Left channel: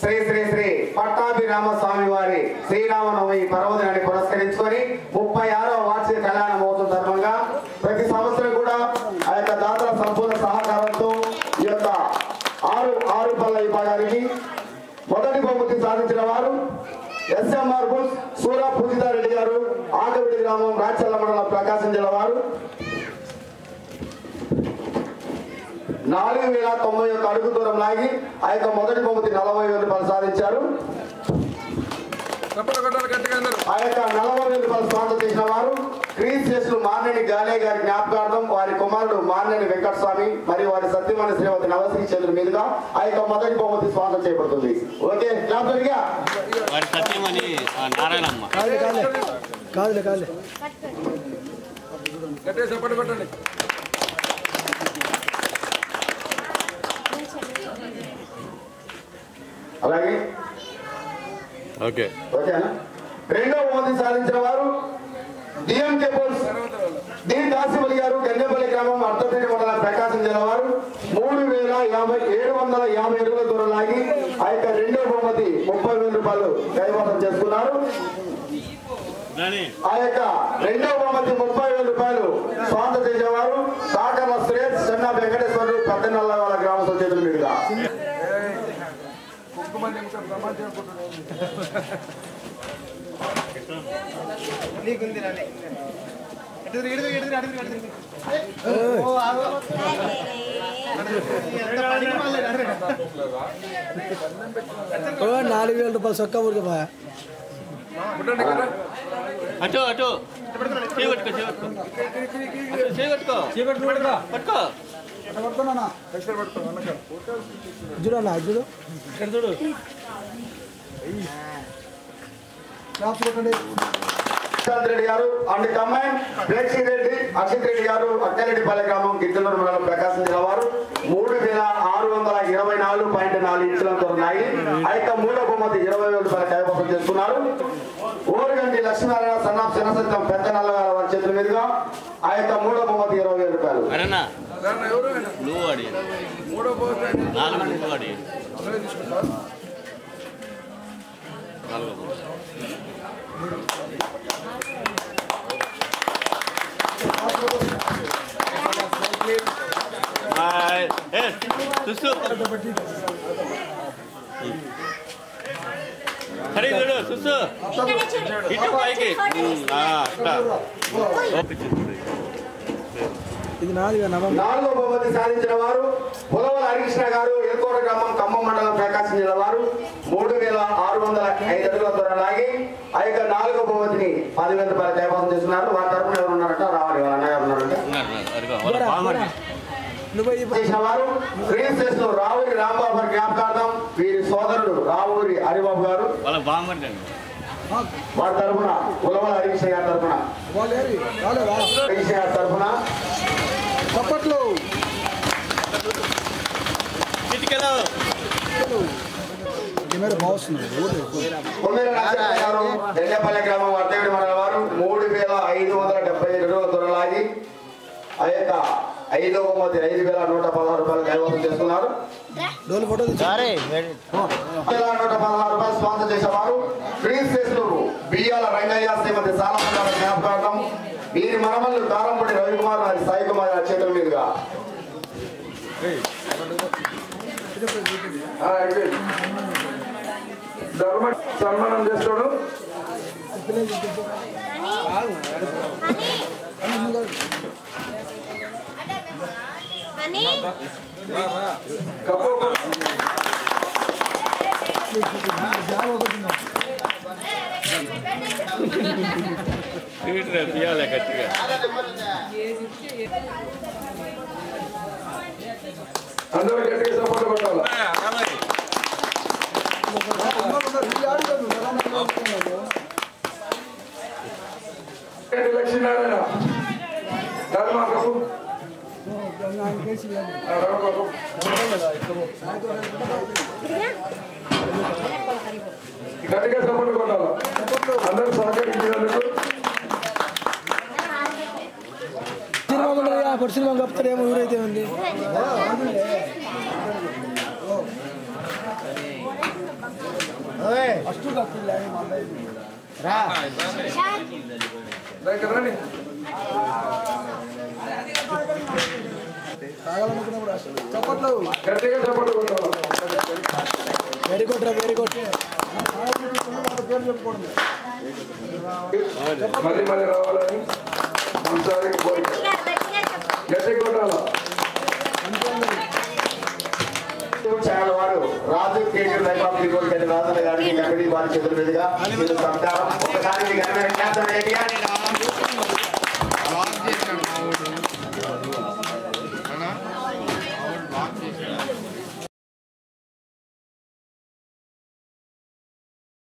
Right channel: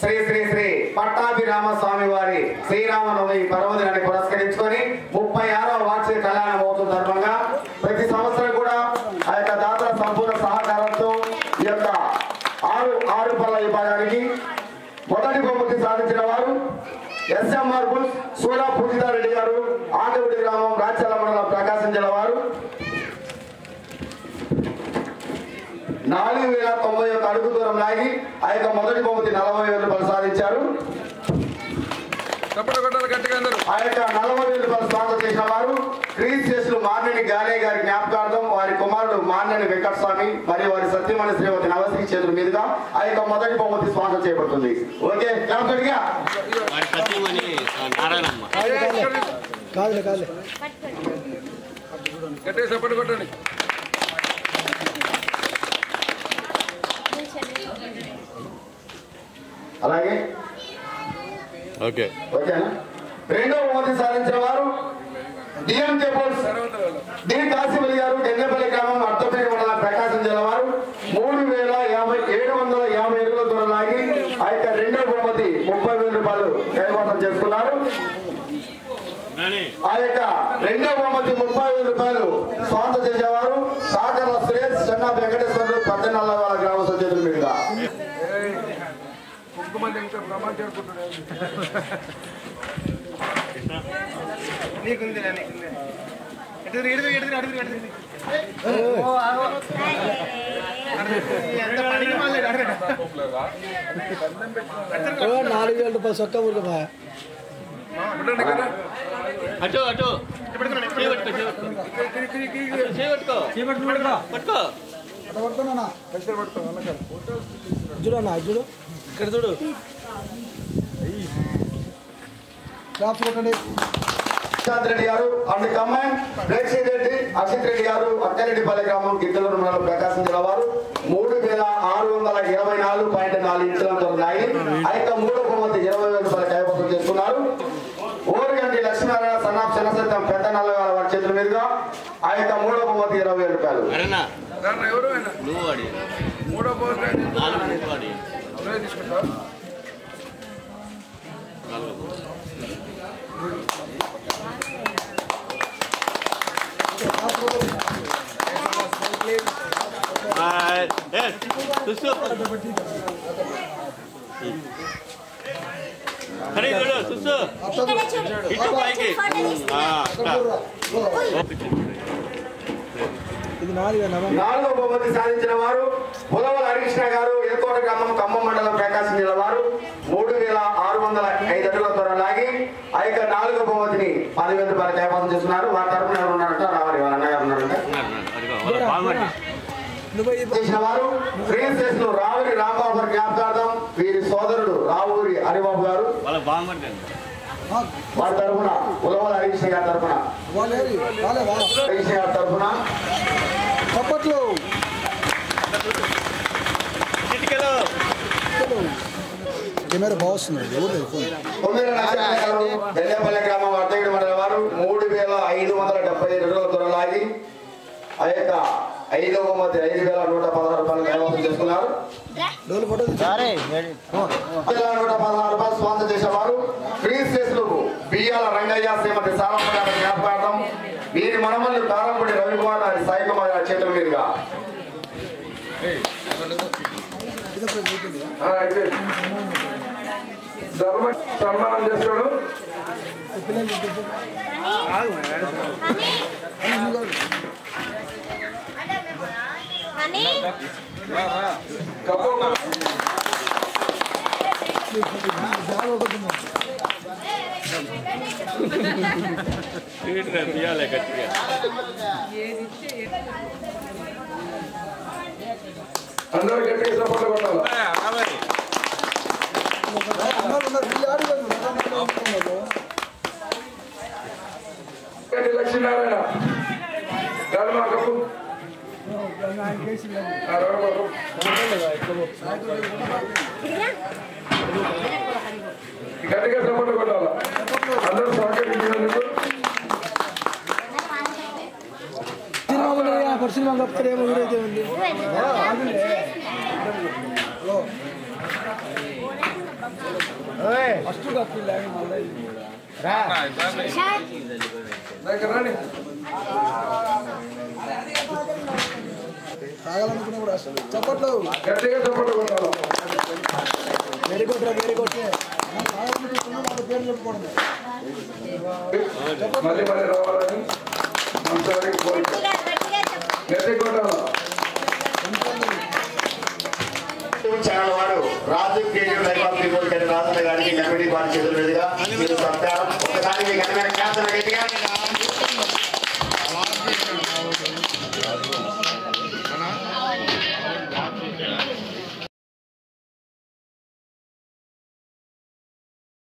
శ్రీ శ్రీ శ్రీ పట్టాభిరామ స్వామి వారి శ్రీరామనవమి పర్వదినాన్ని పురస్కరించుకొని 36వ వార్షిక కళ్యాణ మహోత్సవం సందర్భంగా ప్రతి సంవత్సరం కూడా ఆ యొక్క దాతల సంపూర్ణ సహకారంతో ఈ యొక్క ఆరు పళ్ళ విభాగానికి మొదటి బహుమతి సాధించిన వారు ఎస్ఎంఆర్ బుల్స్ సూరా పూజితారెడ్డి గారు, ఆంధ్రవడి గ్రామం, రాచల మండలం, ప్రకాశం జిల్లా వారు 4091 అడుగు దూరం లాగి ఆ యొక్క మొదటి బహుమతి 40,000 రూపాయలు సాధించారు. ఆ యొక్క 40,000 రూపాయలు స్పాన్సర్ చేసిన వారు క్రీస్టేషన్ మార్నేని గాలే గారి జ్ఞాపకార్థం వారి కుమారుడు మార్నేని వెంకటస్వామి మరియు వారి సత్యమణి శ్రీమతి నవశ్రీ చేతుల మీదుగా ఆ యొక్క మొదటి బహుమతి స్పాన్సర్ చేయబడుతుంది. ఓకే, జ్ఞాపకంగా అలాగే ఓకేనా. రెండవ బహుమతి సాధించిన వారు డిఎంకే పోల్స్ డి కాసిమలి గారు, గంగపల్లి గ్రామం, అర్థపేట మండలం, ప్రకాశం జిల్లా వారు 3,750 అడుగుల దూరం లాగి ఆ యొక్క రెండవ బహుమతి 30,000 రూపాయలు కైవసం చేసుకున్నారు. ఆ యొక్క రెండవ బహుమతి 30,000 రూపాయలు స్వాగతం చేసేవారు కాకర్ల సురేష్, చెన్నా వెంకటేశ్వరుడు, 18 గ్రామస్తుల చేతుల మీదుగా. ₹4,000 సొక్క ఊరుగా అటు అటు చూడన్నా చూడు ఇక్కడ చూడు రెడ్డి గారు అండ్ కమాండ్ ప్లేక్సీ రెడ్డి, అక్షిత్ రెడ్డి గారు, అక్కరెడ్డిపల్లి గ్రామం, గిద్దలూరు మండలం, ప్రకాశం జిల్లా వారు 3,624.4 ఇంచులతో ఉన్నాయి. ఆ యొక్క మూడో బహుమతి 20,000 రూపాయలు కైవసం చేసుకున్నారు. ఓరుగంటి లక్ష్మీనారాయణ సన్నాఫ్ శనసత్యం పెద్ద నల్లగారు వారి చేతుల మీదుగా ఆ యొక్క మూడో బహుమతి 20,000 రూపాయలు. నాలుగో బహుమతి సాధించిన వారు పులవల హరికృష్ణ గారు, ఎలకోట గ్రామం, ఖమ్మం మండలం, ప్రకాశం జిల్లా వారు 3,605 అడుగుల దూరం లాగి ఆ యొక్క నాలుగో బహుమతిని 10,000 రూపాయలు కైవసం చేస్తున్నారు. వారి తరఫున ఎవరు ఉన్నారంట? రావాలి, వాళ్ళ అన్నగారు ఉన్నారంట. చేసిన వారు శ్రీశేషులు రావురి రాంబాబు గారి జ్ఞాపకార్థం వీరి సోదరుడు రావూరి హరిబాబు గారు, వారి తరఫున పులవల హరికృష్ణ గారి తరఫున ఎల్లపల్లి గ్రామం, అర్థపేట మండలం వారు 3,575 అడుగుల దూరం లాగి ఆ యొక్క 5వ బహుమతి 5,116 రూపాయలు కైవసం చేసుకున్నారు. 1,116 రూపాయలు స్పాన్సర్ చేసేవారు శ్రీశేషులు బియ్యాల రంగయ్య, శ్రీమతి సాలమ్మ జ్ఞాపకార్థం వీరి మనమల్లు కారంపూడి రవికుమార్ గారి, సాయి కుమార్ గారి చేతుల మీదుగా. సన్మానం చేస్తాడు. అందరూ గట్టిగా సపోర్ట్ కొట్టాలి. లక్ష్మీనారాయణ గట్టిగా సపోర్ట్ కొట్టాలి. అందరూ సహకరించినందుకు చప్పట్లు గట్టిగా చప్పట్లు కొట్టాలి. వెరీ గుడ్ వెరీ గుడ్ పేరు చెప్పుకోండి మళ్ళీ రావాలని మనసారికి కోరిక. గట్టిగా కొట్టాలి. ఛానల్ వారు Raju creative life of people Rajanna గారికి కమిటీ వారి చేతుల మీదుగా మీరు సత్కారం ఒకసారి మీ గణమైన